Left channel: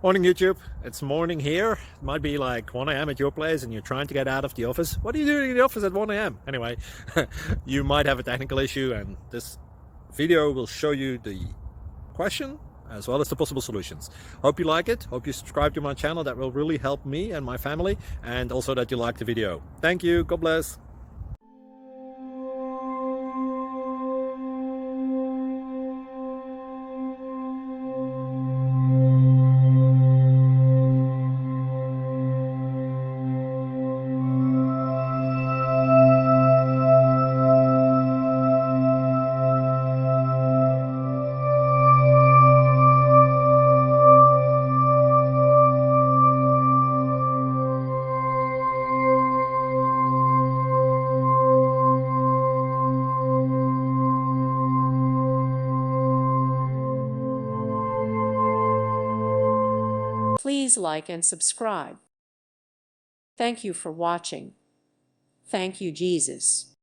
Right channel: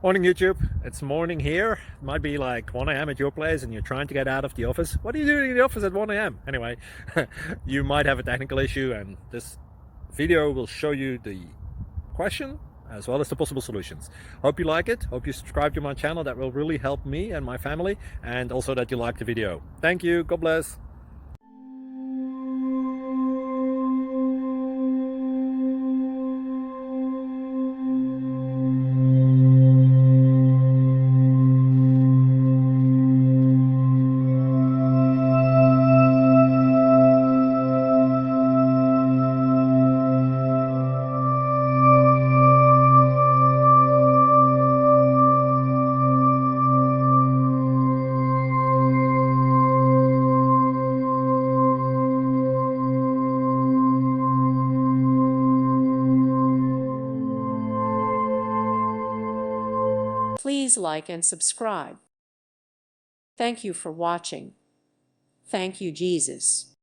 Morning YouTube, it's morning here. It might be like 1 a.m. at your place and you're trying to get out of the office. What are you doing in the office at 1 a.m.? Anyway, you might have a technical issue and this video will show you the question as well as the possible solutions. Hope you like it, hope you subscribe to my channel. That will really help me and my family, and also that you like the video. Thank you, God bless. Please like and subscribe. Thank you for watching. Thank you, Jesus.